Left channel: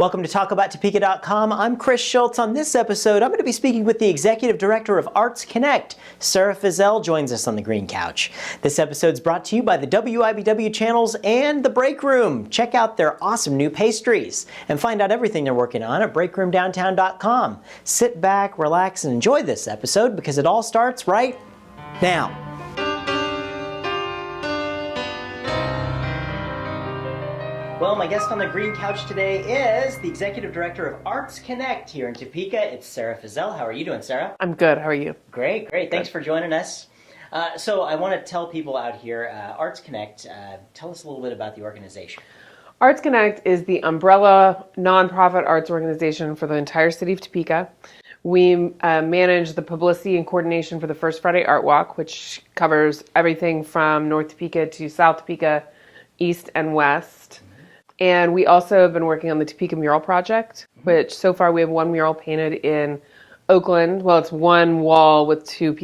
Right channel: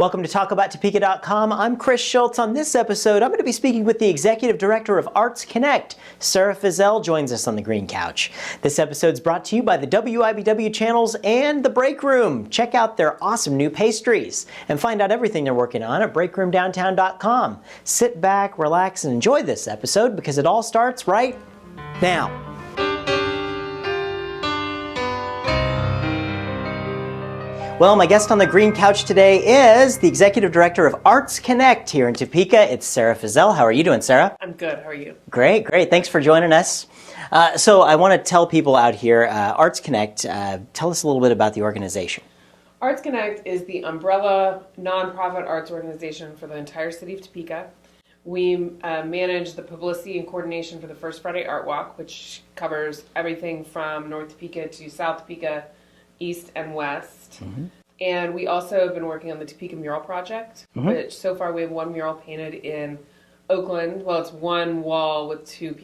Welcome to TalkAboutTopeka.com. I'm Chris Schultz. On this episode, I'm going to be speaking with the Executive Director of Arts Connect. Sarah Fizell joins us on the green couch. This episode is brought to you by the WIBW channels and The Break Room. Check out their awesome new pastries and find out everything they're working on at breakroomdowntown.com. Sit back, relax, and enjoy this episode because it all starts right now. Well, my guest on the green couch today is the Executive Director of Arts Connect here in Topeka. It's Sarah Fizell. How are you doing, Sarah? I'm good. How are you? Great, great. Thanks for joining us. So I want to tell people out here, Arts Connect, tell us a little bit about the organization. Arts Connect is the umbrella nonprofit arts organization for the entire city of Topeka. We manage the publicity and coordination for the First Friday Art Walk, which covers everything from North Topeka to South Topeka, East and West. Mm-hmm. And we also have been working on the Topeka Mural project, which so far we have one mural painted in Oakland. Well, it's one wall with two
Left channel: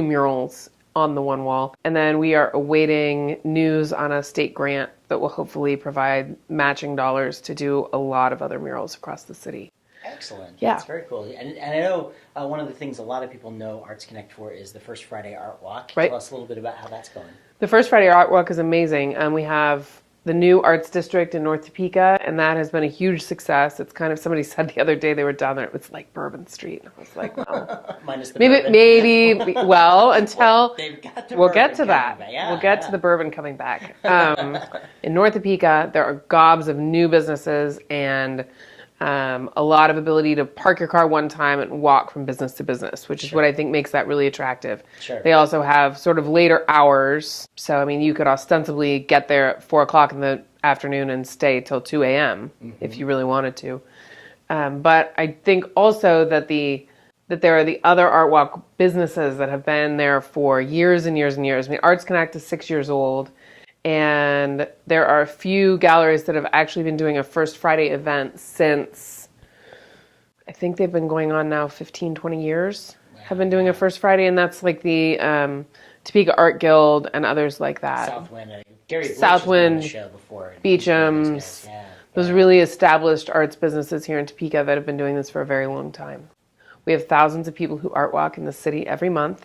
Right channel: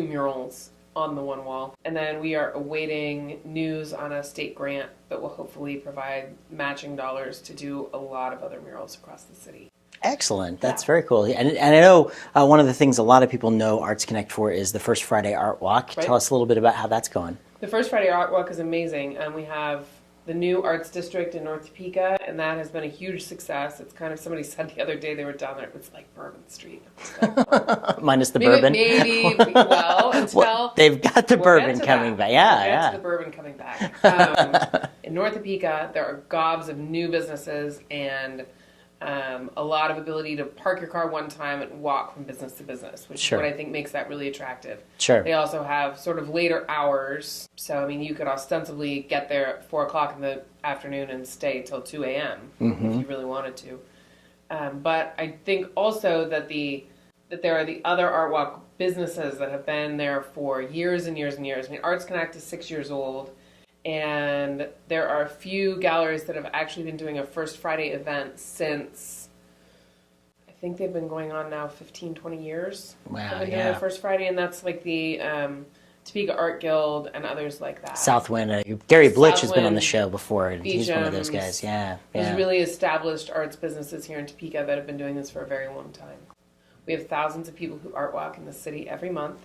murals on the one wall. And then we are awaiting news on a state grant that will hopefully provide matching dollars to do a lot of other murals across the city. Excellent. That's very cool. And I know one of the things a lot of people know Arts Connect for is the First Friday Art Walk. Right. Tell us a little bit about how that's going. The First Friday Art Walk is amazing. We have the new Arts District in North Topeka, and that has been a huge success. It's kind of, somebody said the other day they were down there, it was like Bourbon Street. I was like, oh. Minus the bourbon. Maybe, well, until... Well, they've got the bourbon coming back. Yeah, we'll get to the bourbon coming back. In North Topeka, there are gobs of new businesses and a lot of ability to park your car one time and walk from business to business, which is what I think makes that really attractive. Sure. They also have sort of later hours. So, I mean, you could ostensibly get there at 4 o'clock in the afternoon and stay till 2 a.m. If you really wanted to. But I think also that there are the other Art Walk businesses that have been there for years and years and years. I mean, Arts Connect is 6 years old. And there are a few galleries that have actually been doing a First Friday event since, I think they've been going on now 15, 20 years. Wow, have been doing a First Friday, and that's like the Topeka Art Guild and others like that. Southwind, Gary Blitch has been on the show before. Beecham's, those guys. Yeah. Those really established arts businesses here in Topeka that have been doing this for a very long time. We have thousands of people who art walk in the city every month,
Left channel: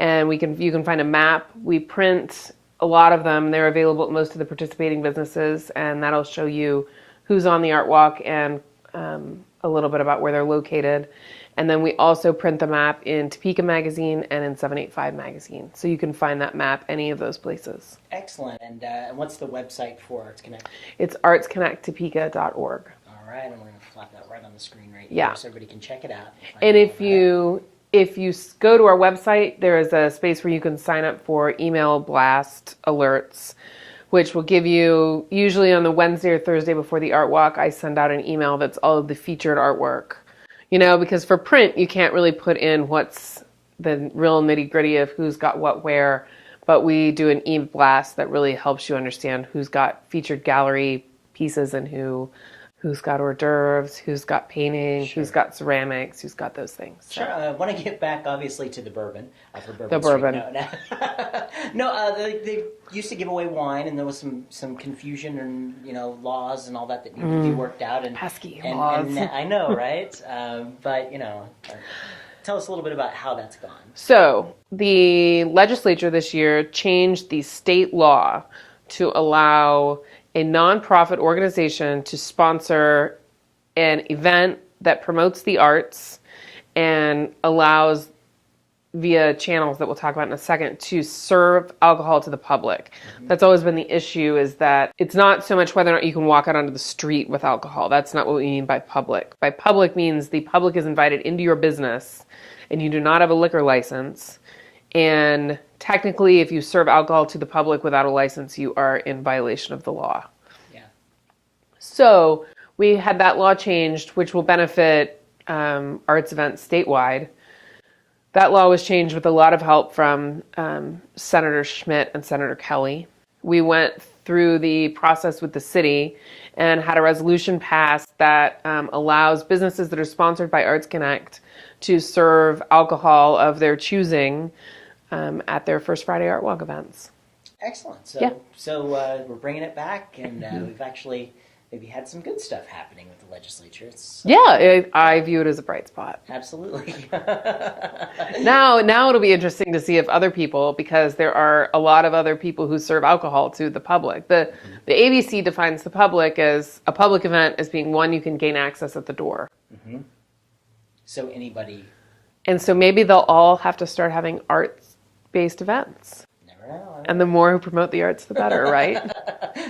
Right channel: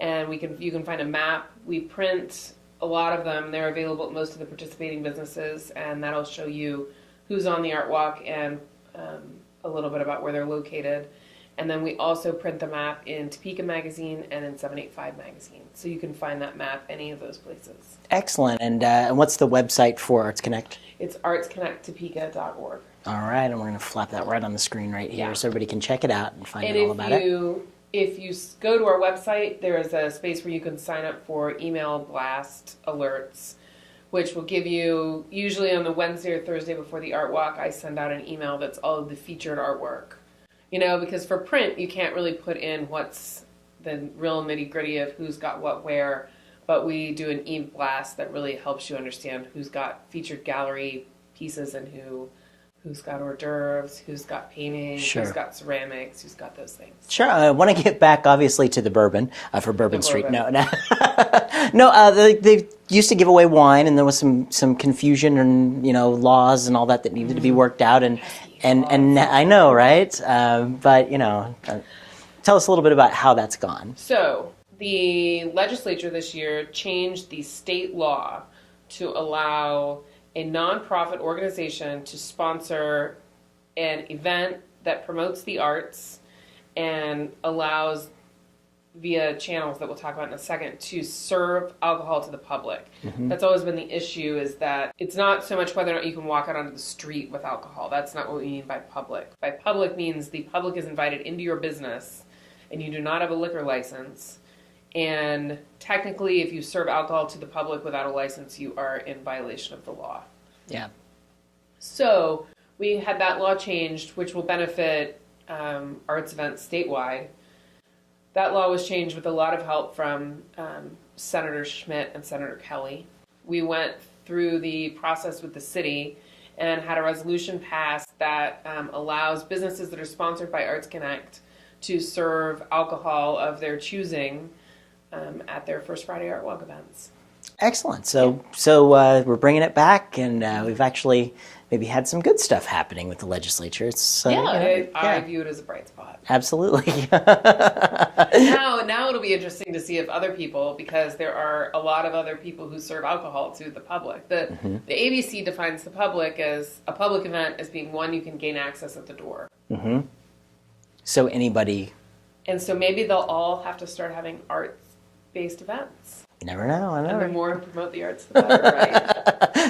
and you can find a map. We print a lot of them. They're available at most of the participating businesses, and that'll show you who's on the art walk and a little bit about where they're located. And then we also print the map in Topeka Magazine and in 785 Magazine. So you can find that map any of those places. Excellent. And what's the website for Arts Connect? It's artsconnecttopeka.org. All right, and we're going to flap that right on the screen right here so everybody can check it out and find out all about it. If you go to our website, there is a space where you can sign up for email blast alerts, which will give you, usually on the Wednesday or Thursday before the art walk, I send out an email that's all of the featured artwork. You know, because for print, you can't really put in what's the real nitty-gritty of who's got what where, but we do an e-blast that really helps you understand who's got featured gallery pieces and who's got hors d'oeuvres, who's got painting, who's got ceramics, who's got those things. Sure. I want to get back, obviously, to the bourbon for Bourbon Street. No, they used to give away wine, and there was some confusion and laws and all that needed to be worked out. And I know, right? But tell us a little bit about how that's gone. So the legislature this year changed the state law to allow a nonprofit organization to sponsor an event that promotes the arts and allows, via channels that we'll talk about in a second, to serve alcohol to the public. That's always been the issue, is that it's not so much whether or not you can walk out onto the street with alcohol. That's not what we mean by public. By public means the public is invited into your business and you do not have a liquor license. And technically, if you serve alcohol to the public without a license, you are in violation of the law. Yeah. So we had that law changed, which will benefit arts events statewide. That law was changed with a lot of help from Senator Schmidt and Senator Kelly. We went through the process with the city and had a resolution passed that allows businesses that are sponsored by Arts Connect to serve alcohol of their choosing at their First Friday Art Walk events. Excellent. So we're bringing it back, and we've actually maybe had some good stuff happening with the legislature. It's, I view it as a bright spot. Absolutely. Now it'll be interesting to see if other people, because there are a lot of other people who serve alcohol to the public. The ABC defines the public as a public event as being one you can gain access at the door. So anybody... And so maybe they'll all have to start having arts-based events. You never know. And the more who promote the arts, the better, right?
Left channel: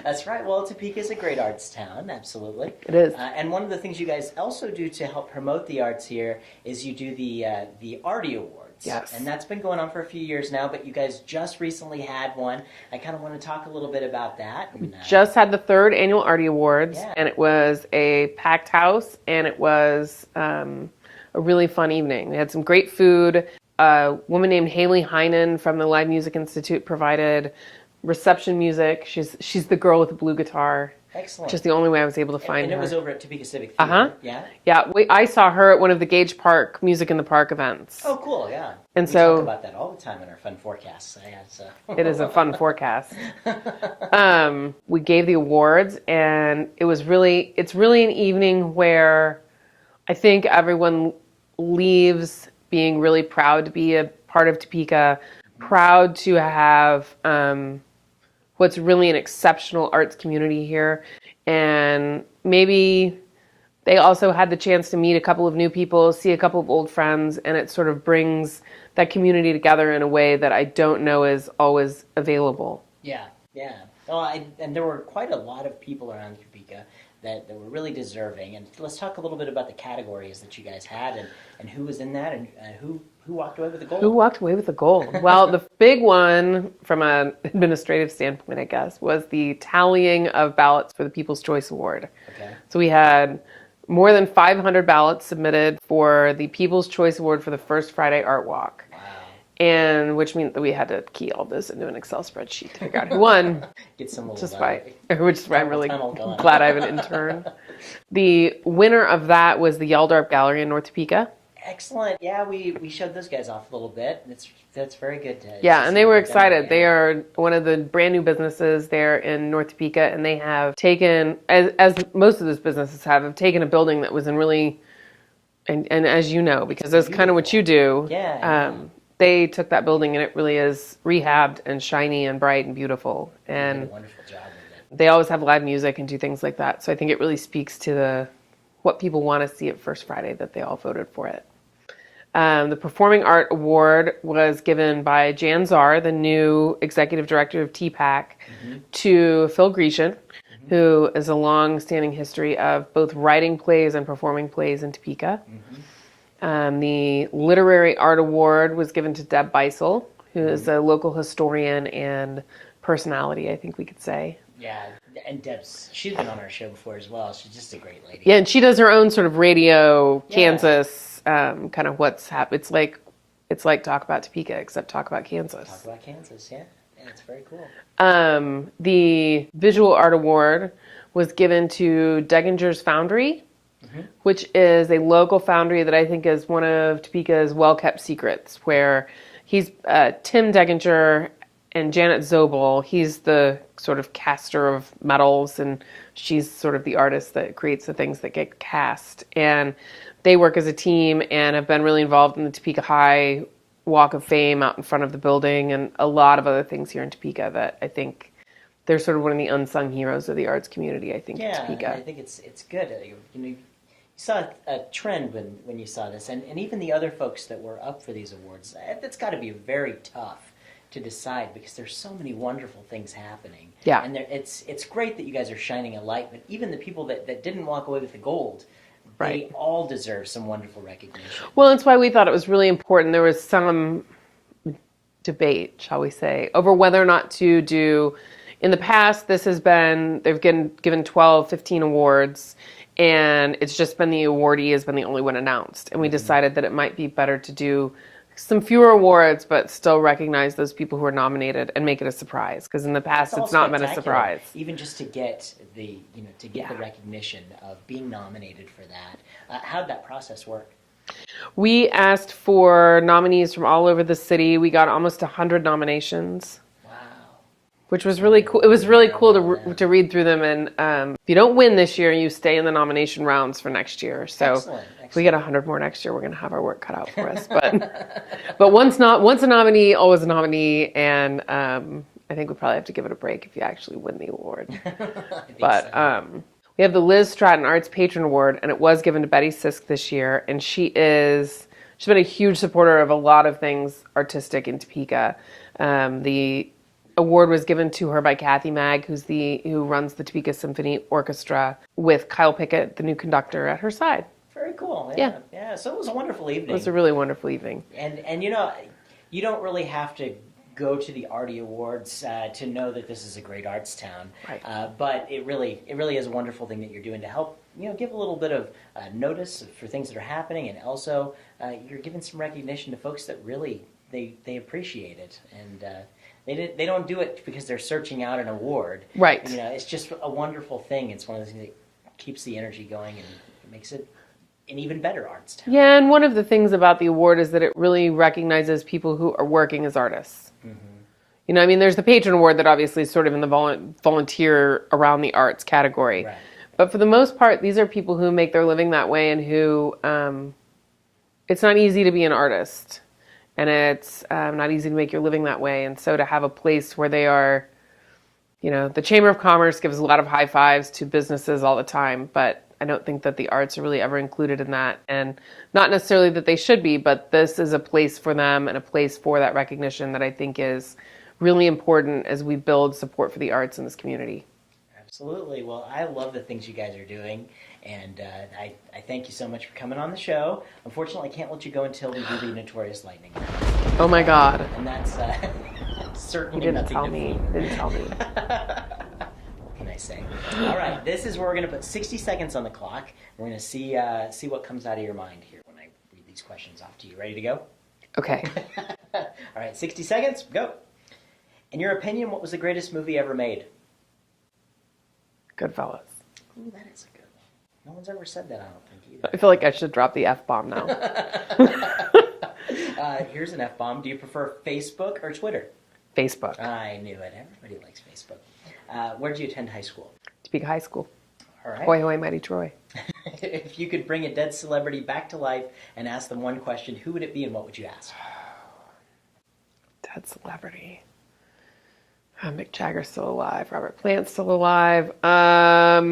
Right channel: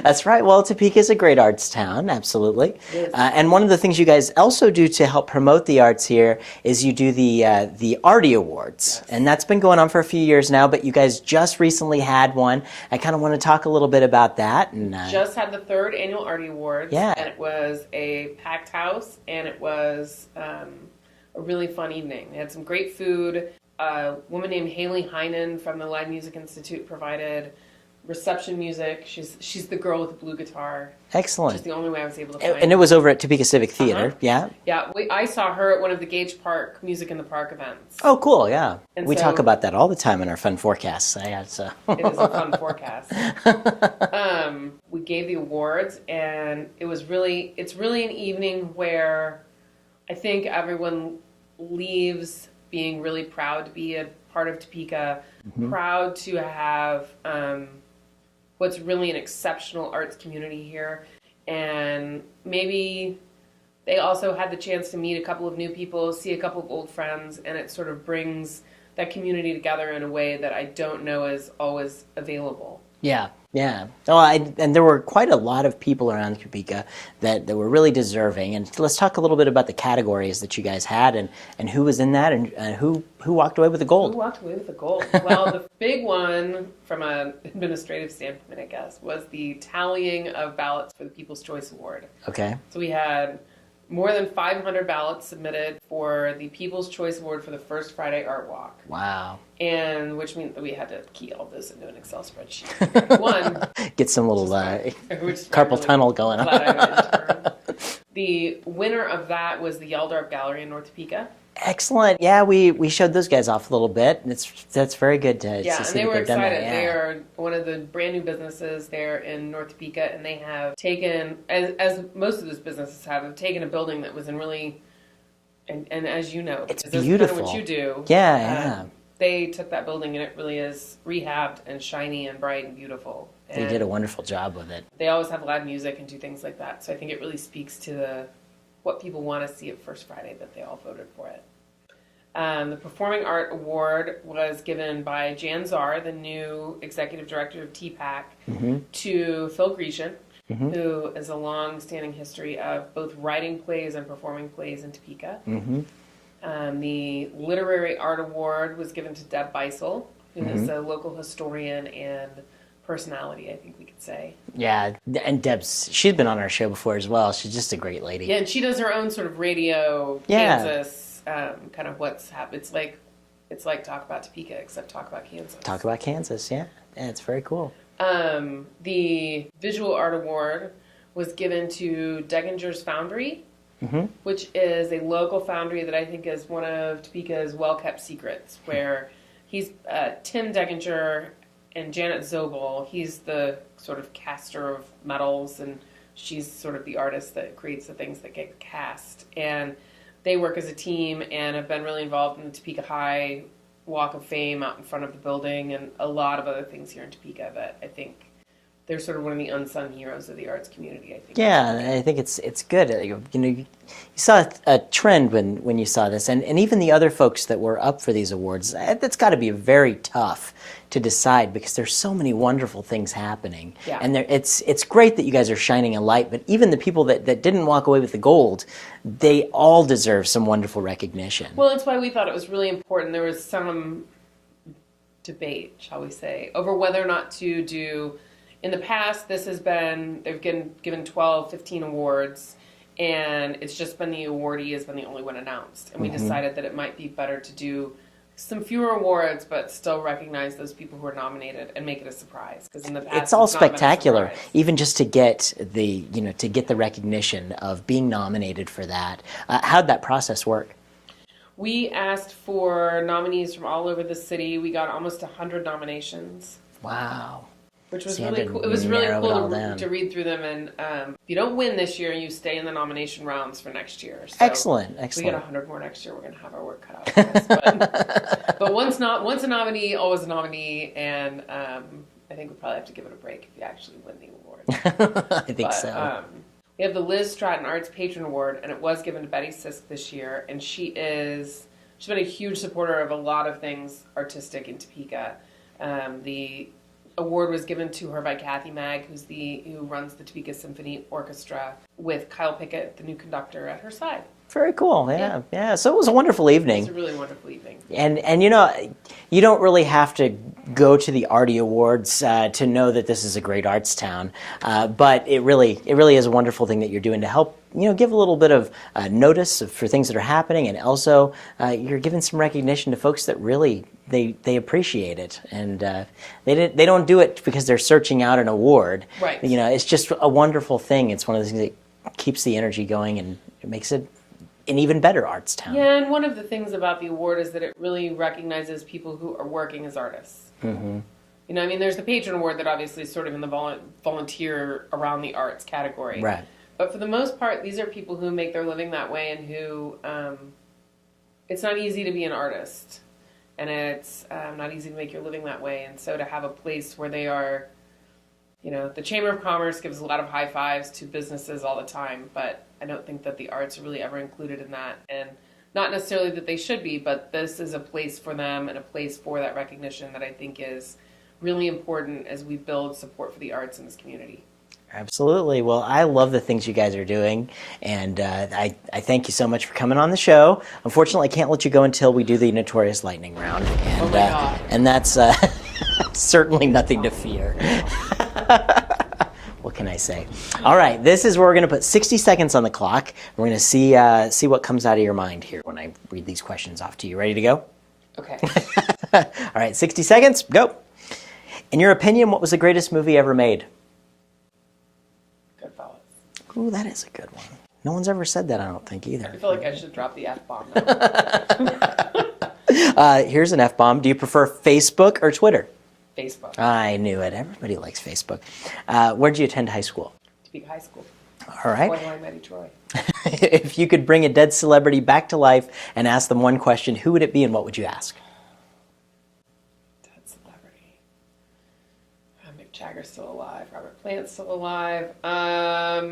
That's right. Well, Topeka is a great arts town, absolutely. It is. And one of the things you guys also do to help promote the arts here is you do the Artie Awards. Yes. And that's been going on for a few years now, but you guys just recently had one. I kind of want to talk a little bit about that. And just had the 3rd annual Artie Awards. Yeah. And it was a packed house, and it was a really fun evening. We had some great food. A woman named Haley Heinen from the Live Music Institute provided reception music. She's the girl with the blue guitar. Excellent. Just the only way I was able to find And her. it was over at Topeka Civic Theater, yeah? Yeah, I saw her at one of the Gage Park Music in the Park events. Oh, cool, yeah. And we talk about that all the time in our fun forecasts. It is a fun forecast. We gave the awards, and it's really an evening where I think everyone leaves being really proud to be a part of Topeka, proud to have what's really an exceptional arts community here. And maybe they also had the chance to meet a couple of new people, see a couple of old friends, and it sort of brings that community together in a way that I don't know is always available. Yeah. Yeah. Oh, and there were quite a lot of people around Topeka that were really deserving. And let's talk a little bit about the categories that you guys had and who was in that and who walked away with the gold. Who walked away with the gold? Well, the big one from an administrative standpoint, I guess, was the tallying of ballots for the People's Choice Award. Okay. So we had more than 500 ballots submitted for the People's Choice Award for the First Friday Art Walk. Wow. And which means that we had to key all this into an Excel spreadsheet to figure out who won. Get some little carpal tunnel going on. Glad I have an intern. The winner of that was the Yaldarp Gallery in North Topeka. Excellent. Yeah, we showed those guys off a little bit. That's very good to Yeah, see and they were that they've done that, excited. yeah. They are one of the brand new businesses there in North Topeka, and they have taken, as most of those businesses have taken a building that was in really, and as you know, because that's kind of what you do. Yeah. They took that building and it really is rehabbed and shiny and bright and beautiful. And they did a wonderful job with it. they always have live music and do things like that. So I think it really speaks to what people want to see at First Friday, that they all voted for it. The Performing Art Award was given by Jan Czar, the new executive director of TPAC, to Phil Grecian, who is a long-standing history of both writing plays and performing plays in Topeka. The Literary Art Award was given to Deb Beisel, who is a local historian and personality, I think we could say. Yeah, and she's been on our show before as well. She's just a great lady. Yeah, and she does her own sort of radio Kansas kind of what's happened. It's like Talk About Topeka, except Talk About Kansas. Talk About Kansas, yeah. Yeah, it's very cool. The Visual Art Award was given to Deginger's Foundry, which is a local foundry that I think is one of Topeka's well-kept secrets, where he's Tim Deginger and Janet Zobel. He's the sort of caster of metals, and she's sort of the artist that creates the things that get cast. And they work as a team and have been really involved in the Topeka High Walk of Fame out in front of the building and a lot of other things here in Topeka that I think they're sort of one of the unsung heroes of the arts community, I think. Yeah, I think it's good. You saw a trend when you saw this, and even the other folks that were up for these awards, that's got to be very tough to decide because there's so many wonderful things happening. Yeah. And it's great that you guys are shining a light, but even the people that didn't walk away with the gold, they all deserve some wonderful recognition. Well, that's why we thought it was really important. There was some debate, shall we say, over whether or not to do. In the past, they've given 12, 15 awards, and it's just been the awardee has been the only one announced. And we decided that it might be better to do some fewer awards, but still recognize those people who are nominated and make it a surprise. Because in the past, it's not spectacular, been a surprise. Even just to get the recognition of being nominated for that. How'd that process work? We asked for nominees from all over the city. We got almost 100 nominations. Wow. which was So really you had cool. to It was really narrow cool it all down. to read through them. And if you don't win this year, you stay in the nomination rounds for next year. So Excellent. if we get 100 more next year, we're going to have our work cut out for us. But once a nominee, always a nominee. And I think we probably have to give it a break if you actually win the award. I think so. We have the Liz Stratton Arts Patron Award, and it was given to Betty Sisk this year. And she's been a huge supporter of a lot of things artistic in Topeka. The award was given to her by Kathy Mag, who runs the Topeka Symphony Orchestra, with Kyle Pickett, the new conductor, at her side. Very cool. Yeah. So it was a wonderful evening. It was a really wonderful evening. And you know, you don't really have to go to the Artie Awards to know that this is a great arts town. But it really is a wonderful thing that you're doing to help, give a little bit of notice for things that are happening, and also you're giving some recognition to folks that really they appreciate it, and they don't do it because they're searching out an award. Right. It's just a wonderful thing. It's one of the things that keeps the energy going, and it makes it an even better arts town. Yeah, and one of the things about the award is that it really recognizes people who are working as artists. Mm-hmm. There's the Patron Award that obviously is sort of in the volunteer around the arts category. Right. But for the most part, these are people who make their living that way, and who it's not easy to be an artist. And it's not easy to make your living that way. And so to have a place where they are, the Chamber of Commerce gives a lot of high fives to businesses all the time, but I don't think that the arts are really ever included in that. And not necessarily that they should be, but this is a place for them and a place for that recognition that I think is really important as we build support for the arts in this community. Absolutely. Well, I love the things you guys are doing, and I thank you so much for coming on the show. Unfortunately, I can't let you go until we do the Notorious Lightning Round. Oh my God. And that's certainly nothing to fear. What can I say? All right, this is where we're going to put 60 seconds on the clock. We're going to see what comes out of your mind here when I read these questions off to you. Ready to go? Okay. All right, 60 seconds, go. In your opinion, what was the greatest movie ever made? Goodfellas. Ooh, that is a good one. No one's ever said that, I don't think, either. I feel like I should drop the F-bomb now. Here's an F-bomb. Do you prefer Facebook or Twitter? Facebook. I knew it. Everybody likes Facebook. Where did you attend high school? Topeka High School. All right. Hoy, hoy, mighty Troy. If you could bring a dead celebrity back to life and ask them one question, who would it be and what would you ask? Dead celebrity. Mick Jagger's still alive. Robert Plant's still alive. Bob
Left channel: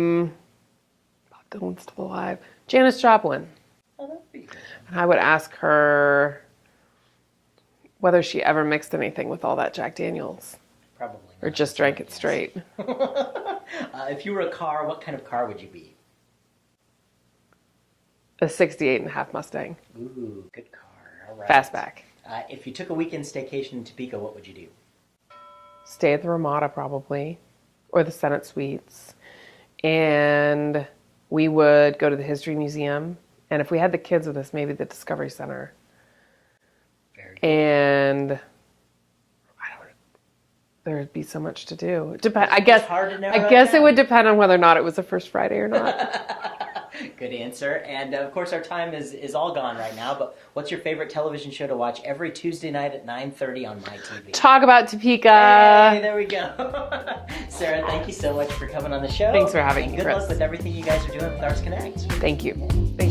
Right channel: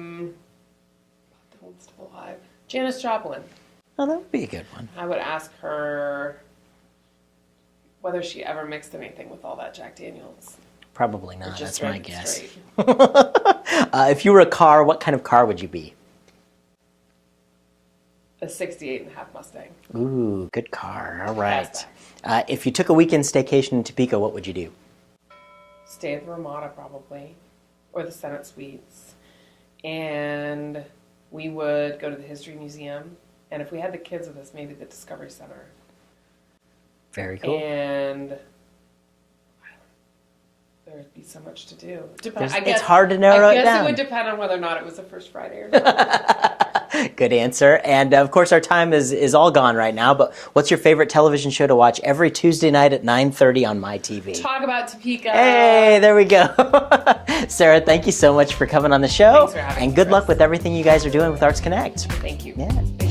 Dylan's still alive. Janis Joplin. Oh, that would be a good one. I would ask her whether she ever mixed anything with all that Jack Daniels. Probably not. Or just drank it straight. If you were a car, what kind of car would you be? A 68.5 Mustang. Ooh, good car. All right. Fastback. If you took a weekend staycation in Topeka, what would you do? Stay at the Ramada probably, or the Senate Suites. And we would go to the History Museum. And if we had the kids with us, maybe the Discovery Center. Very cool. And there'd be so much to do. I guess it's hard to narrow I guess it down. It would depend on whether or not it was the first Friday or not. Good answer. And of course, our time is all gone right now. But what's your favorite television show to watch every Tuesday night at 9:30 on MyTV? Talk about Topeka. Hey, there we go. Sarah, thank you so much for coming on the show. Thanks for having me, And good Chris. luck with everything you guys are doing with Arts Connect. Thank you. Yeah.